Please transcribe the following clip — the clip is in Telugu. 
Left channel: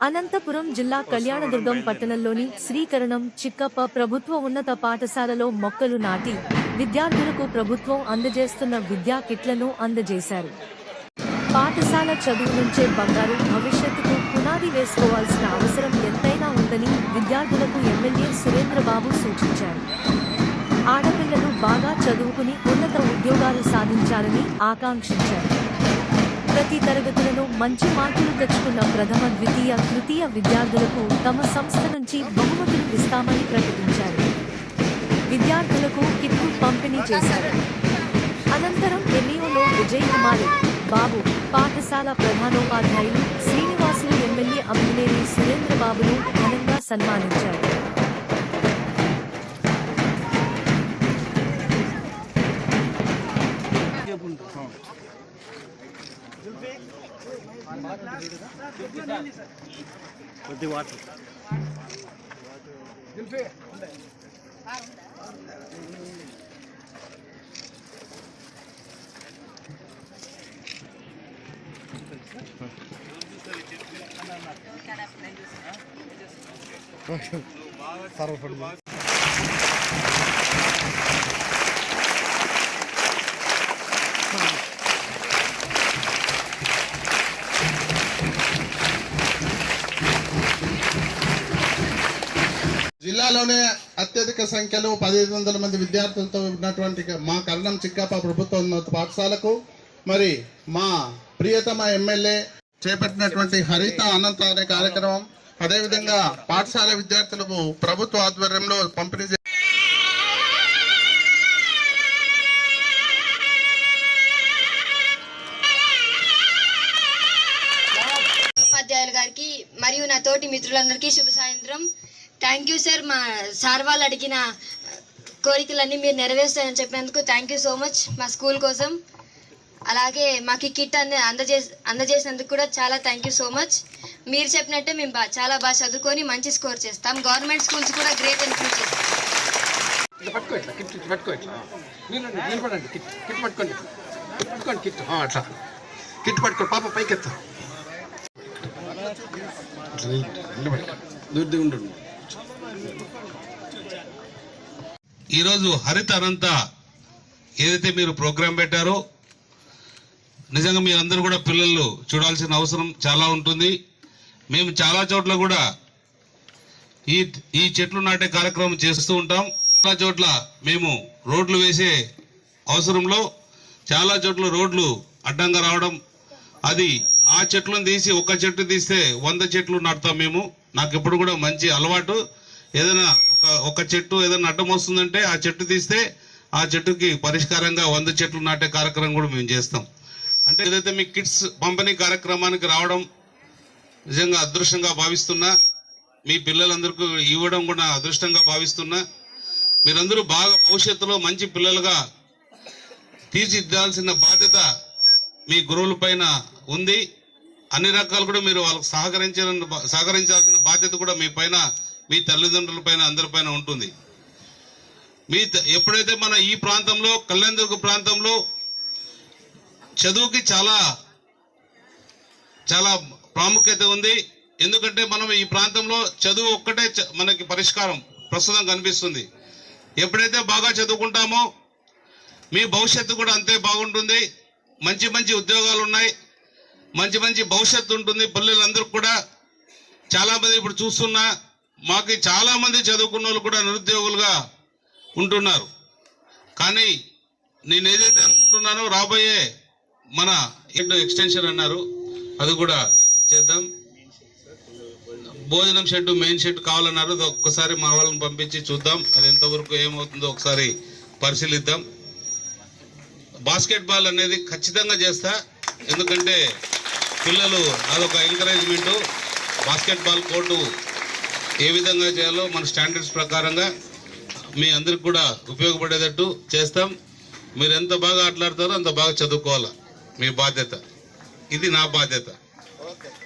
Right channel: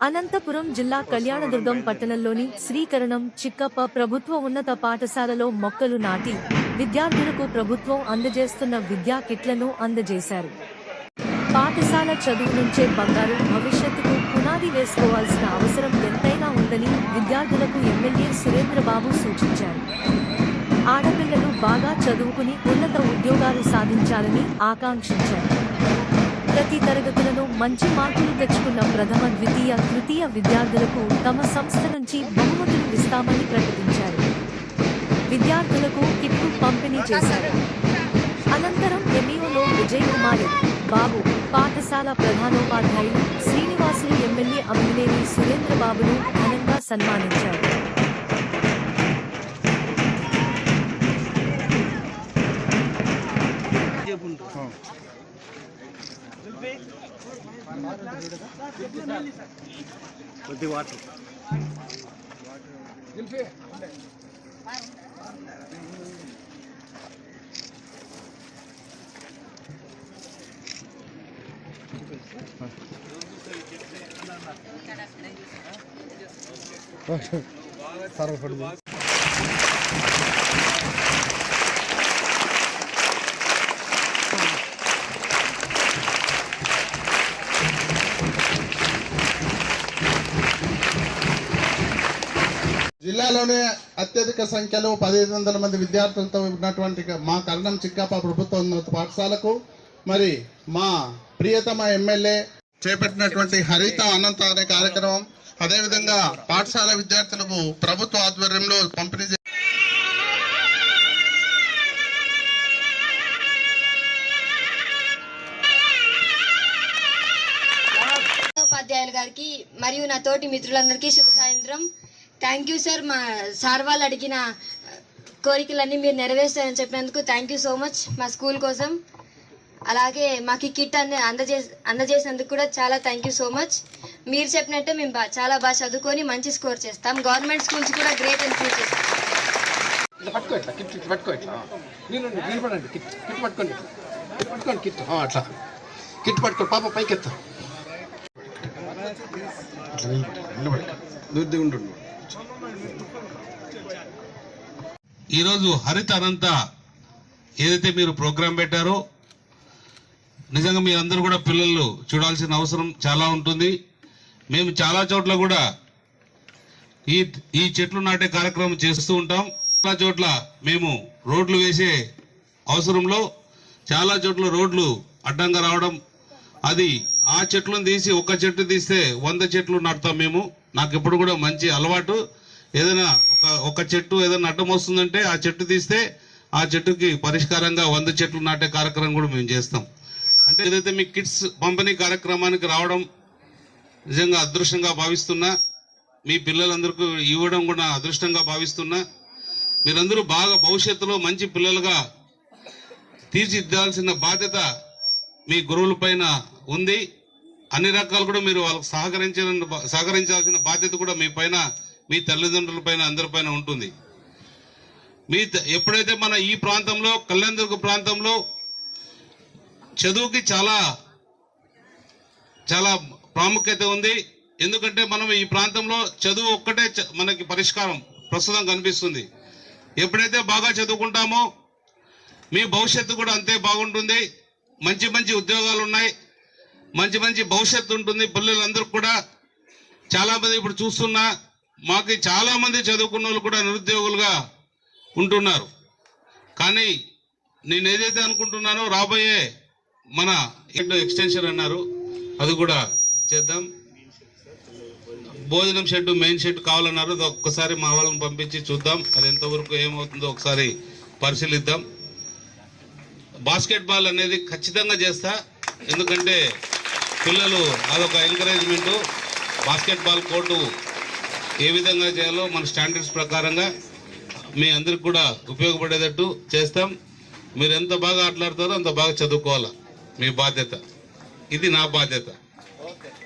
అనంతపురం జిల్లా కళ్యాణదుర్గం పట్టణంలోని శ్రీకరణం చిక్కప్ప ప్రభుత్వ ఉన్నత పాఠశాలలో మొక్కలు నాటి విద్యార్థులకు ప్రభుత్వం అందజేస్తున్న విద్యా కిట్లను అందజేశారు. పాఠశాల చదువు నుంచే బంగారు భవిష్యత్తుకు పునాది వేసుకోవాల్సిన అవసరం ఎంతైనా ఉందని విద్యార్థులకు ఎమ్మెల్యే సురేంద్రబాబు సూచించారు. ఆడపిల్లలు బాగా చదువుకుని ఉన్నత ఉద్యోగాలు సాధించాలని ఆకాంక్షించారు. ప్రతి తరగతులను మంచి మార్కులు తెచ్చుకున్న ప్రథమ, ద్వితీయ, తృతీయ విద్యార్థులకు తమ సంస్థ నుంచి బహుమతులు ఇస్తామని ప్రకటించారు. విద్యార్థులకు కిట్లు పంపిణీ చేశారు. అనంతరం ఎంఈఓలో విజయ్ కుమారి బాబు, పాఠశాల ప్రధానోపాధ్యాయులు శ్రీనివాసులు ఎమ్మెల్యే అమ్మినేని సురేంద్రబాబును ఘనంగా సన్మానించారు. కొద్ది వాటర్ జిల్లాలోనే అత్యధిక సంఖ్యలో 1500 మంది విద్యార్థులతో ఉన్నటువంటి మా కరణం చిక్కప్ప ప్రభుత్వ ఉన్నత పాఠశాలకు మరి మా ప్రియతమ ఎమ్మెల్యే చేపట్టినటువంటి హరిత అనంత అనే కార్యక్రమం, అదేవిధంగా పాఠశాల విద్యార్థులకు ప్రభుత్వ ఆధ్వర్యంలో పంపిణీ ఉపాధ్యాయులు గారికి మరియు నా తోటి మిత్రులందరికీ శుభ సాయంత్రం. Thank you sir. మా సార్ వాళ్ళు అడిగిన కోరికలన్నీ మీరు నెరవేర్చారని చెప్పినందుకు థ్యాంక్ యూ సో మచ్ మా స్కూల్ కోసం. అలాగే మాకు కిట్ అందజేసినందుకు కూడా చాలా థ్యాంక్ యూ సో మచ్. మీరు చెప్పినట్టే మేము చాలా బాగా చదువుకొని మంచి స్కోర్ చేస్తాం. గవర్నమెంట్ స్కూల్స్ కూడా గ్రేట్ ఇంప్రూవ్ చేస్తాం. పాప పైకెత్తా ఈరోజు హరిత అనంత ఏదైతే మీరు ప్రోగ్రాం పెట్టారో నిజంగా మీరందరూ కూడా పిల్లలు చూడాల్సిన అవసరం చాలా ఉంటుంది. మేము చాలా చోట్ల కూడా ఈ చెట్లు నాటే కార్యక్రమం చేస్తూ ఉంటాం. చాలా చోట్ల మేము రోడ్లు వేసే అవసరంలో చాలా చోట్ల రోడ్లు అడ్డంగా రావడం, అది ఆ చెట్లను తీసి ఒక చెట్టు తీస్తే 100 చెట్లు నాటుతాం మేము. నాకు ఎప్పుడు కూడా మంచి అలవాటు, ఏదైనా ఒక చెట్టు ఏదైనా అడ్డం వస్తుందంటే ఆ చెట్టు తీస్తే ఆ చెట్టుకి పరిష్కారంగా 100 చెట్లు నాటే కార్యక్రమం కూడా మేము చేస్తాం. అంటే ఏదైతే మీ కిట్స్ పంపిణీ కార్యక్రమానికి రావడం నిజంగా అదృష్టంగా భావిస్తున్నా, మీ పిల్లలందరికీ ఇవ్వడం కూడా అదృష్టంగా భావిస్తున్నా. మీరందరూ బాగా భవిష్యత్తులో మంచి పిల్లలుగా తీర్చిదిద్దాల్సిన బాధ్యత మీ గురువుల పైన ఉంది. అన్ని రకాలు కూడా మీరు వాళ్ళకి సహకరించాల్సిన బాధ్యత కూడా మీ పైన, మీ తల్లిదండ్రుల పైన, అందరిపైన ఉంటుంది. ఎప్పుడైతే మన ఈ ప్రాంతంలో కళ్యాణదుర్గ ప్రాంతంలో చదువుకి చాలా చాలా ప్రాముఖ్యత ఉంది. ఎందుకంటే మనం ఈ ప్రాంతంలో చదువు ఒక్కటే మనకి పరిష్కారం ప్రస్తుతం కనిపిస్తుంది. ఎప్పుడైతే బాగా చదువుకుంటామో మీ భవిష్యత్తు కూడా అంతే బాగుంటుంది. మంచి మంచి ఉద్యోగాలు ఉన్నాయి, మంచి మంచి భవిష్యత్తు ఉంటుంది పిల్లలందరూ కూడా. చాలా మంది ఇప్పుడు చూస్తున్నా మాకు చాలా మంది చదువుకున్న వాళ్ళు కూడా నిరుద్యోగులుగా ఉంటున్నారు. కానీ నేను ఏదైతే అనుకుంటున్నానో రాబోయే మన ఎక్స్టెన్షన్ అన్నారు, అది కూడా చేద్దాం. భోజనం షెడ్, మెయిన్ షెడ్ కావాలన్నారు, అది ఒక్కసారి మా వాళ్ళని పంపించి చూద్దాం. అది ఎంతవరకు ఏమవుతుందో ఒకసారి పరిశీలిద్దాం. బాస్కెట్ బాల్ అనేది ఖచ్చితంగా చేస్తా, ఎందుకంటే పిల్లలు అదొక ఎంకరేజ్మెంటు. బాస్కెట్ బాల్ కోర్టు ఏ విధంగా చేయాలో మన స్టాండర్డ్స్ ప్రకారంగా మీ అందరికి కూడా ఉపయోగపడేటట్టు చేస్తాం. మీరు ఎంత బాగా ఆటలాడతారో అంత బాగా చదువుకోవాలా, మీ బాధ్యత. ఇది నా బాధ్యత.